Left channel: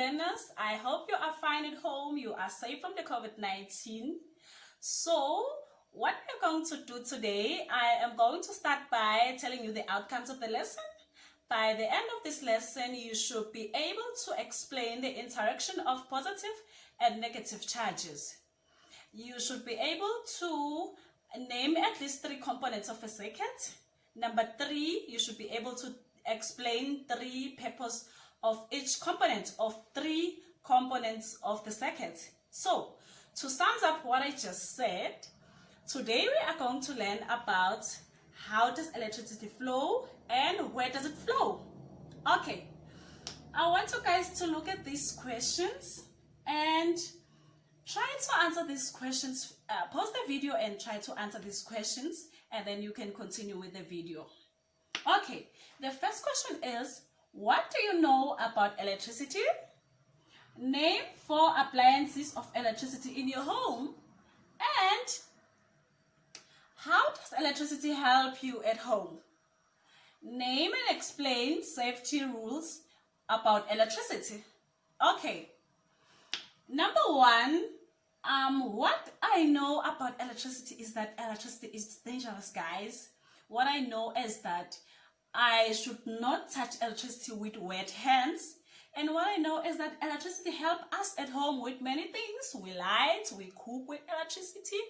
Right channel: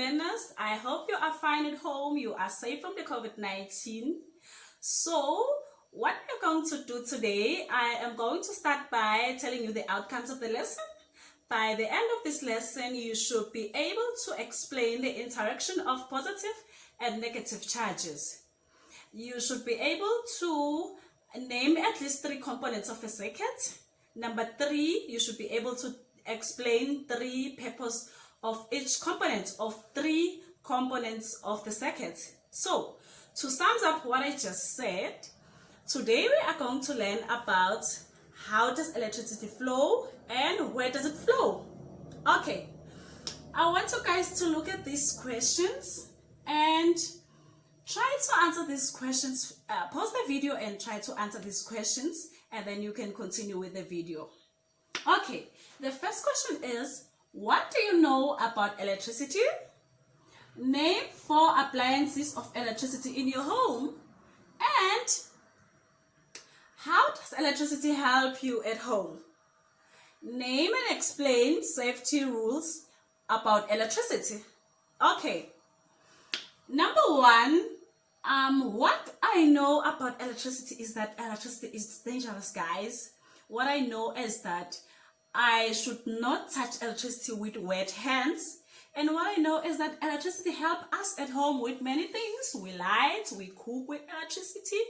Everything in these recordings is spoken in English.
learners. I hope you are fine at home. You are safe from the COVID-19. So, what we're going to do today, I am going to start by telling you the outcomes of the lesson. By the end of this lesson, you should be able to explain the interaction of positive and negative charges. You should be able to name at least 3 components of a circuit. Number 3, you should be able to explain 3 purposes of each component of 3 components of the circuit. So, to sum up what I just said, today we are going to learn about how does electricity flow and where does it flow. Okay, I want you guys to look at these questions and try to answer these questions. Pause the video and try to answer these questions, and then you can continue with the video. Okay, the first question is, what do you know about electricity? Name 4 appliances of electricity in your home. And how does electricity help you at home? Name and explain safety rules about electricity. Okay, number 1, what I know about electricity is that electricity is dangerous, guys. What I know is that I should not touch electricity with wet hands. And what I know is that electricity helps us at home with many things. We light, we cook with electricity.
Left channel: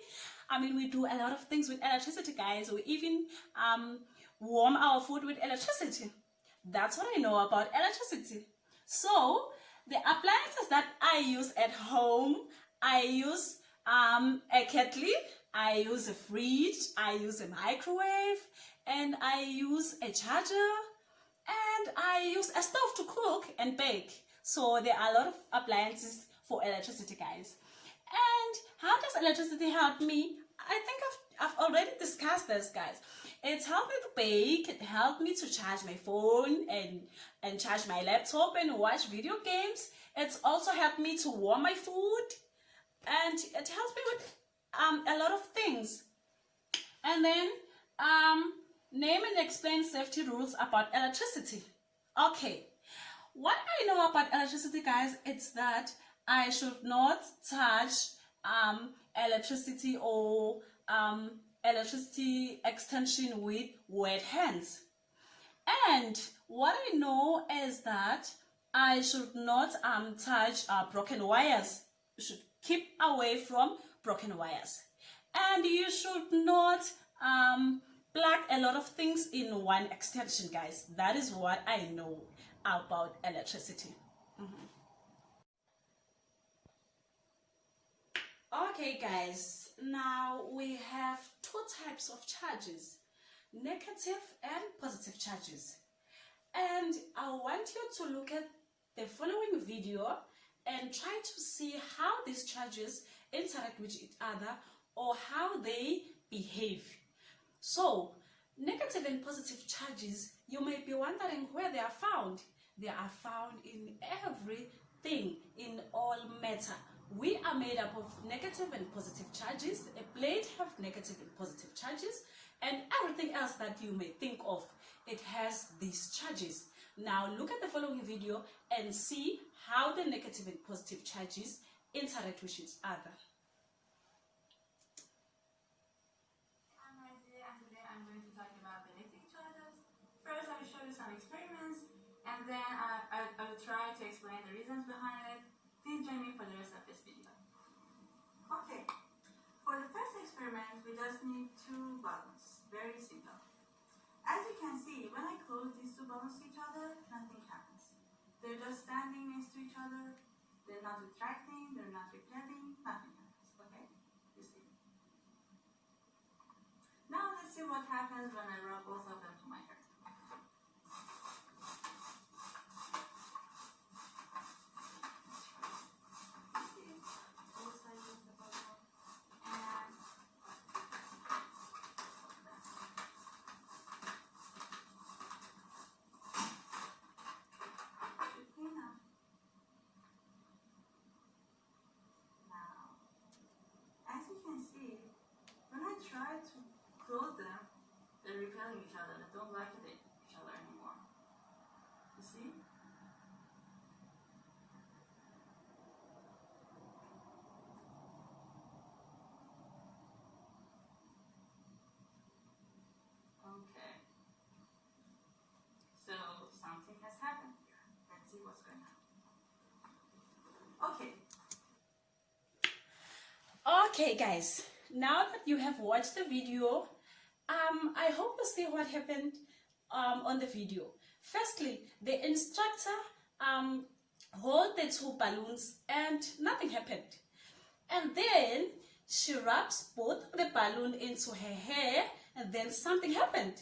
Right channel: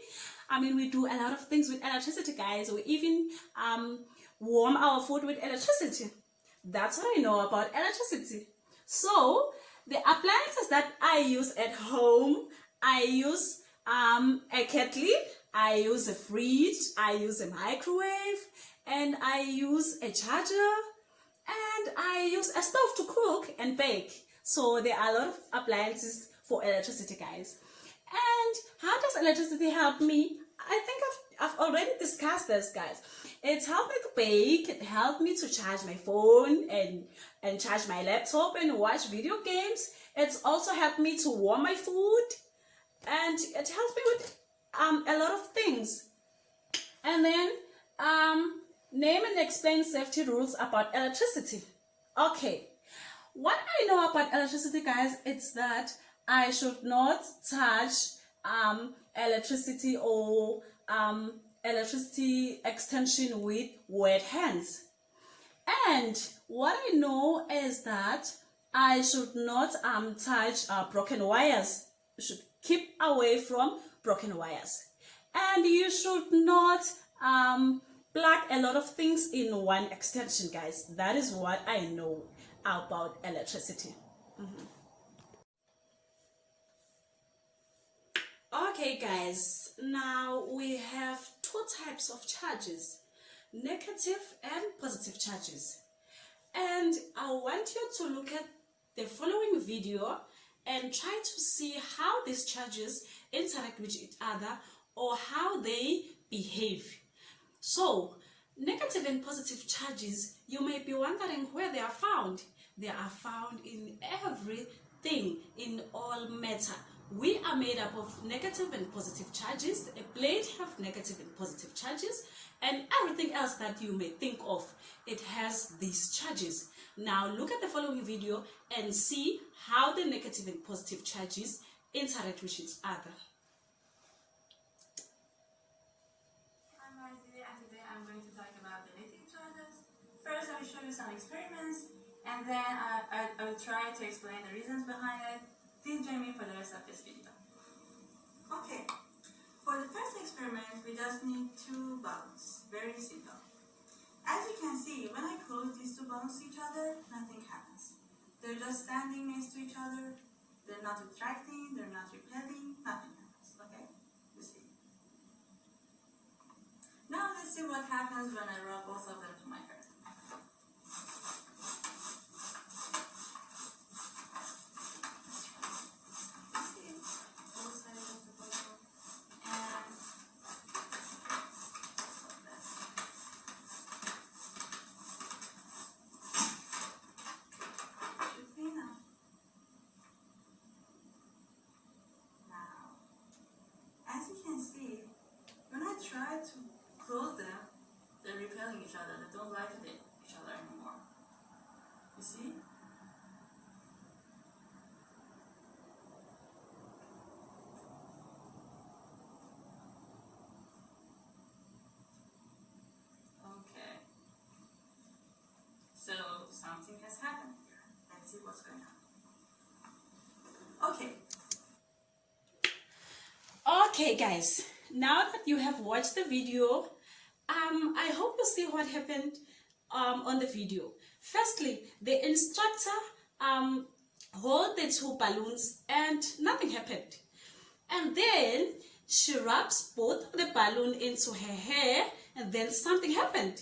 We do a lot of things with electricity, guys. We even warm our food with electricity. That's what I know about electricity. So, the appliances that I use at home, I use a kettle, I use a fridge, I use a microwave, and I use a charger, and I use a stove to cook and bake. So there are a lot of appliances for electricity, guys. And how does electricity help me? I think I've already discussed this, guys. It's helped me to bake, it helped me to charge my phone and charge my laptop and watch video games. It's also helped me to warm my food, and it helps me with a lot of things. And then name and explain safety rules about electricity. Okay, what I know about electricity, guys, it's that I should not touch electricity or electricity extension with wet hands. And what I know is that I should not touch broken wires. You should keep away from broken wires. And you should not plug a lot of things in one extension, guys. That is what I know about electricity. Okay, guys, now we have 2 types of charges, negative and positive charges. And I want you to look at the following video and try to see how these charges interact with each other or how they behave. So, negative and positive charges, you may be wondering where they are found. They are found in everything, in all matter. We are made up of negative and positive charges. A plate has negative and positive charges, and everything else that you may think of, it has these charges. Now look at the following video and see how the negative and positive charges interact with each other. I'm Maisy, and today I'm going to talk about the negative charges. First, I will show you some experiments, and then I will try to explain the reasons behind it. Please join me for the rest of this video. Okay, for the first experiment, we just need 2 balloons. Very simple. As you can see, when I close these 2 balloons to each other, nothing happens. They're just standing next to each other. They're not attracting, they're not repelling, nothing happens. Okay? You see. Now let's see what happens when I rub both of them to my hair. Try to close them, they're repelling each other, they don't like each other anymore. You see? Okay guys, now that you have watched the video, I hope you see what happened on the video. Firstly, the instructor hold the two balloons and nothing happened. And then she wraps both of the balloon into her hair and then something happened.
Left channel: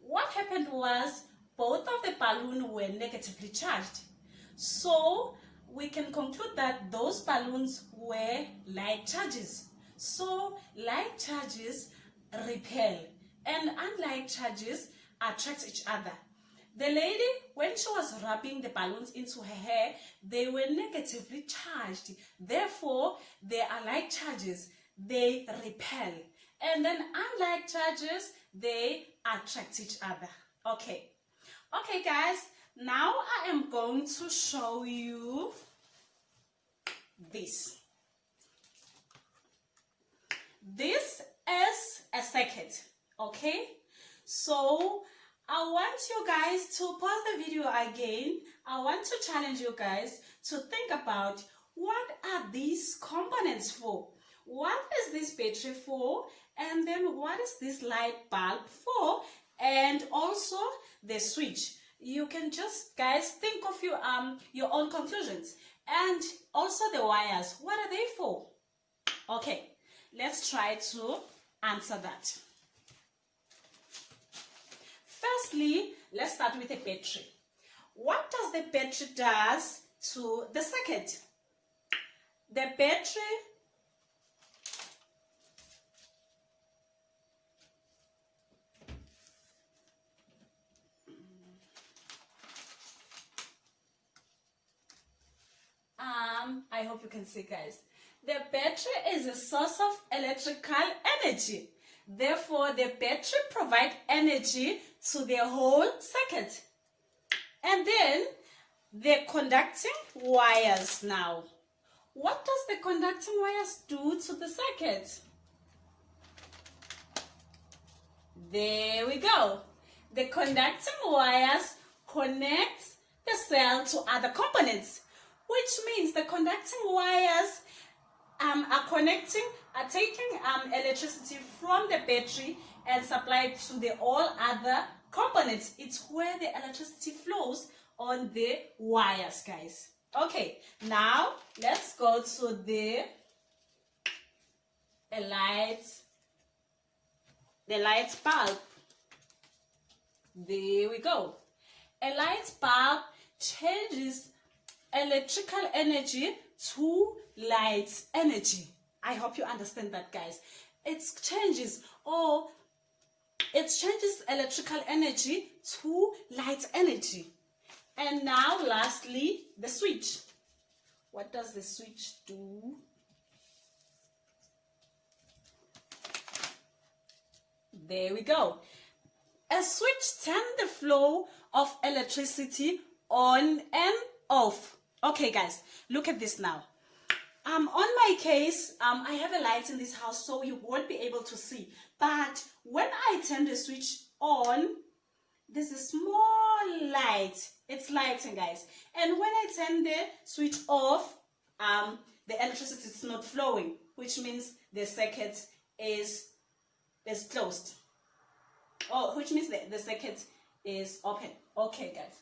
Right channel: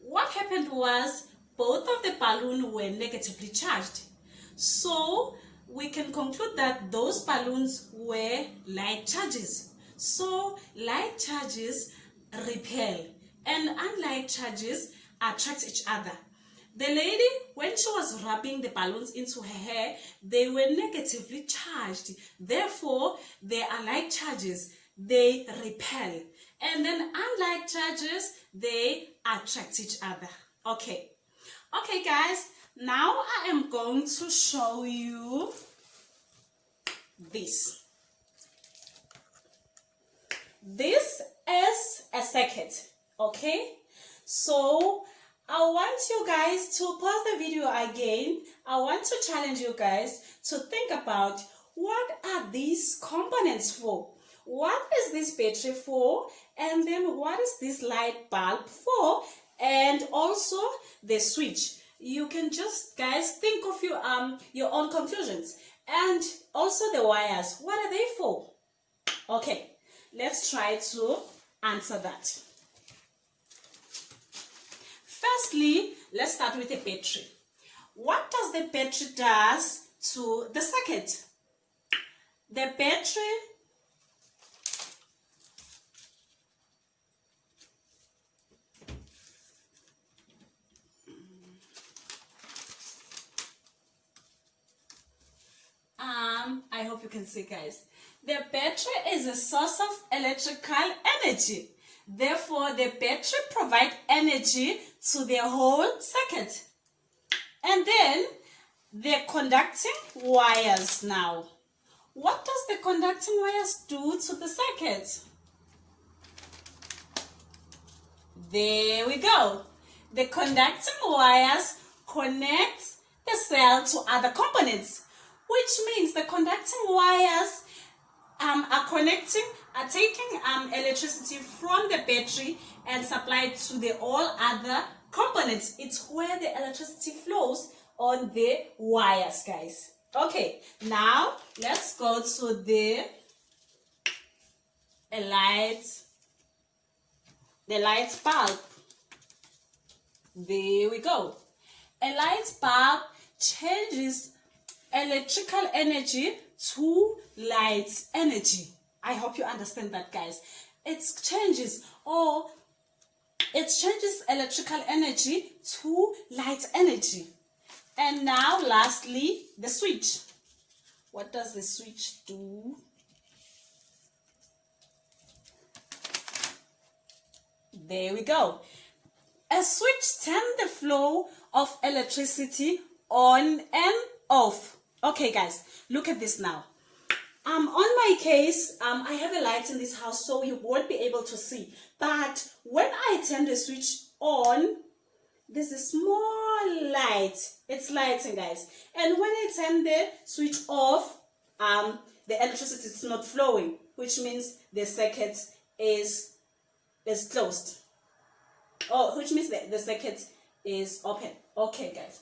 What happened was both of the balloons were negatively charged. So we can conclude that those balloons were light charges. So light charges repel and unlike charges attract each other. The lady, when she was rubbing the balloons into her hair, they were negatively charged. Therefore, they are like charges. They repel. And then unlike charges, they attract each other. Okay. Okay, guys. Now I am going to show you this. This is a circuit. Okay. So I want you guys to pause the video again. I want to challenge you guys to think about what are these components for? What is this battery for? And then what is this light bulb for? And also the switch. You can just, guys, think of your own conclusions. And also the wires. What are they for? Okay, let's try to answer that. Firstly, let's start with the battery. What does the battery does to the circuit? The battery I hope you can see, guys. The battery is a source of electrical energy. Therefore, the battery provides energy to the whole circuit. And then, the conducting wires now. What does the conducting wires do to the circuit? There we go. The conducting wires connect the cell to other components, which means the conducting wires are taking electricity from the battery and supply it to the all other components. It's where the electricity flows on the wires, guys. Okay, now let's go to the light bulb. There we go. A light bulb changes electrical energy to light energy. I hope you understand that, guys. It changes electrical energy to light energy. And now lastly, the switch. What does the switch do? There we go. A switch turns the flow of electricity on and off. Okay, guys, look at this now. On my case, I have a light in this house, so you won't be able to see. But when I turn the switch on, there's a small light. It's lighting, guys. And when I turn the switch off, the electricity is not flowing, which means the circuit is closed. Oh, which means the circuit is open. Okay, guys.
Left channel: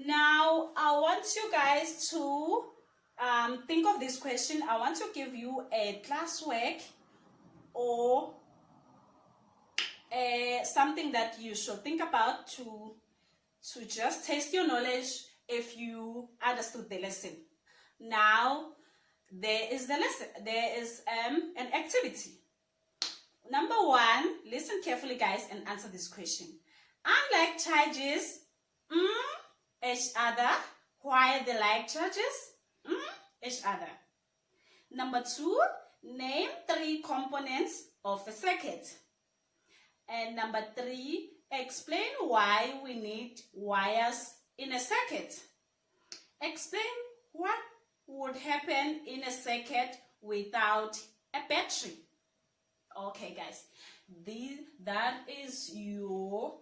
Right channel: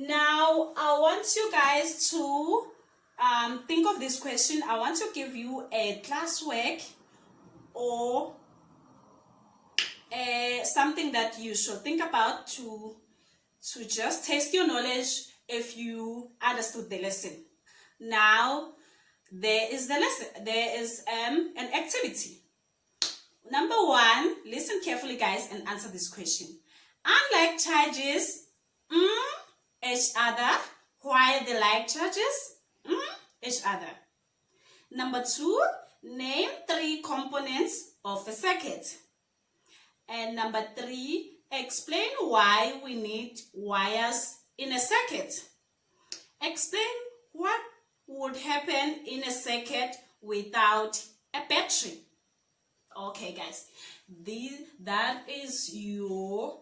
Now, I want you guys to think of this question. I want to give you a classwork or something that you should think about to just test your knowledge if you understood the lesson. Now, there is the lesson. There is an activity. Number 1, listen carefully, guys, and answer this question. Unlike charges each other, while the like charges each other. Number 2, name 3 components of a circuit. And number 3, explain why we need wires in a circuit. Explain what would happen in a circuit without a battery. Okay, guys, that is your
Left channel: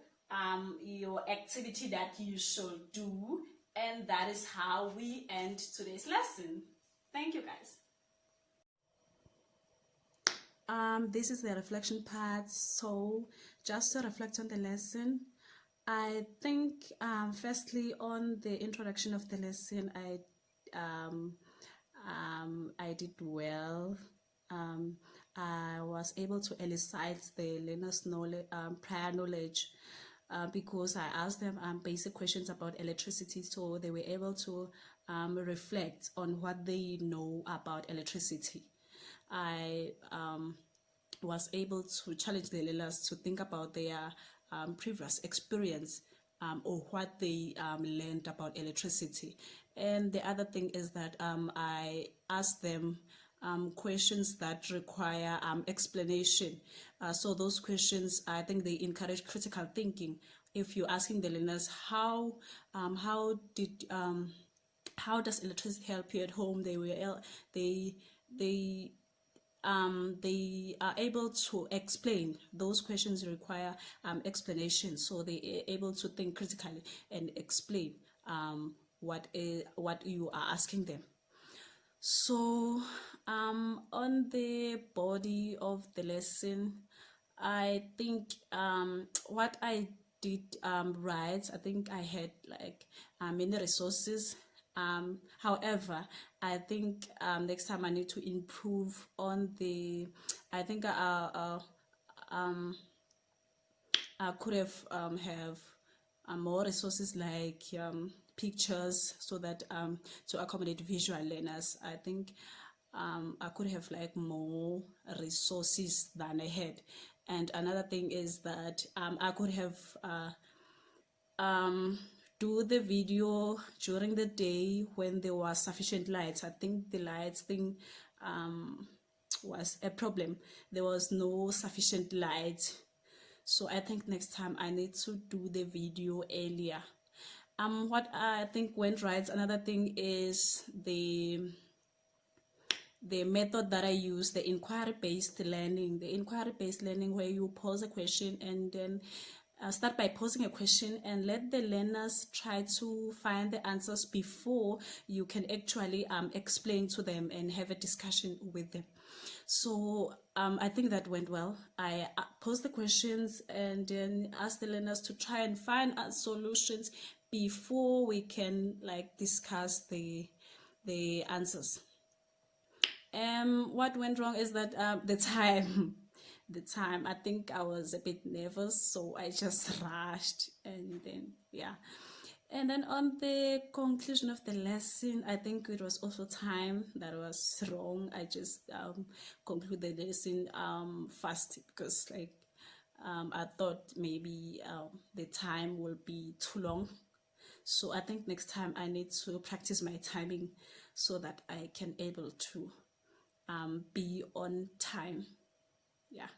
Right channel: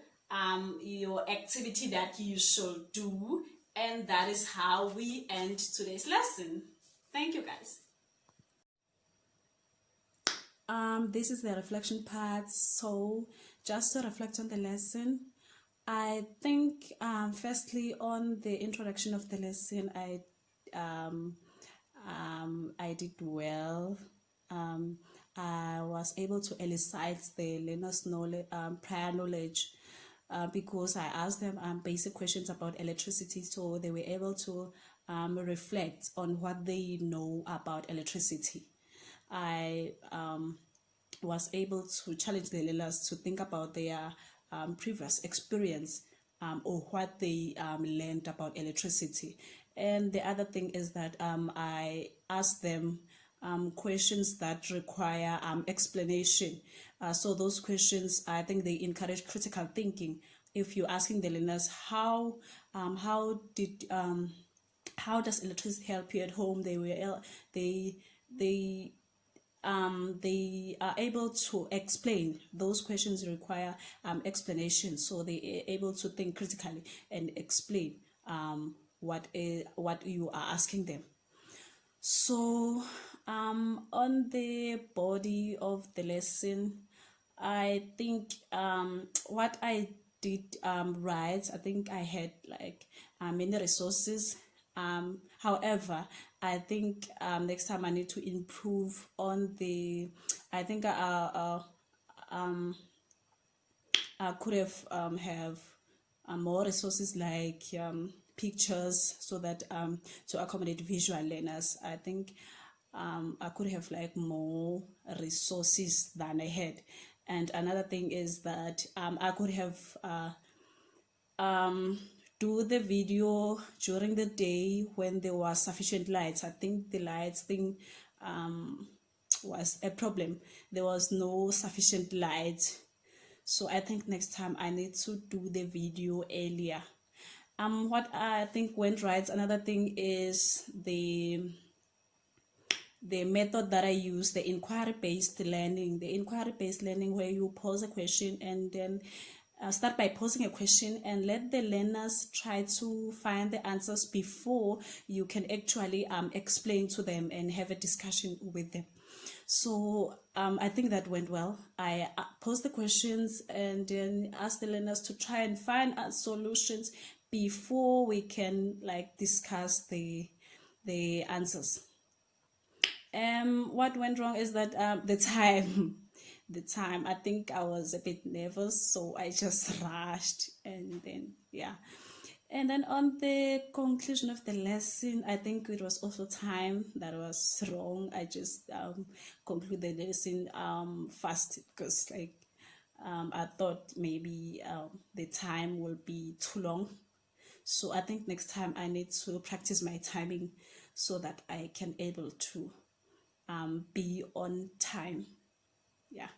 activity that you should do, and that is how we end today's lesson. Thank you, guys. This is the reflection part. So just to reflect on the lesson, I think firstly on the introduction of the lesson, I did well. I was able to elicit the learners' knowledge, prior knowledge, because I asked them basic questions about electricity, so they were able to reflect on what they know about electricity. I was able to challenge the learners to think about their previous experience or what they learned about electricity. And the other thing is that I asked them questions that require explanation. So those questions, I think they encourage critical thinking. If you're asking the learners how does electricity help you at home, they are able to explain. Those questions require explanation, so they are able to think critically and explain what you are asking them. So on the body of the lesson, I think what I did right, I think I had like many resources. However, I think next time I need to improve on the, I think I could have more resources like pictures, so that to accommodate visual learners. I think I could have like more resources than I had. And another thing is that I could have do the video during the day when there was sufficient lights. I think the lights thing was a problem. There was no sufficient light, so I think next time I need to do the video earlier. What I think went right, another thing is the method that I use, the inquiry-based learning. The inquiry-based learning, where you pose a question and then start by posing a question and let the learners try to find the answers before you can actually explain to them and have a discussion with them. So I think that went well. I posed the questions and then asked the learners to try and find solutions before we can like discuss the answers. What went wrong is that the time. The time, I think I was a bit nervous, so I just rushed, and then yeah. And then on the conclusion of the lesson, I think it was also time that was wrong. I just concluded the lesson fast, because like I thought maybe the time will be too long. So I think next time I need to practice my timing so that I can able to be on time. Yeah.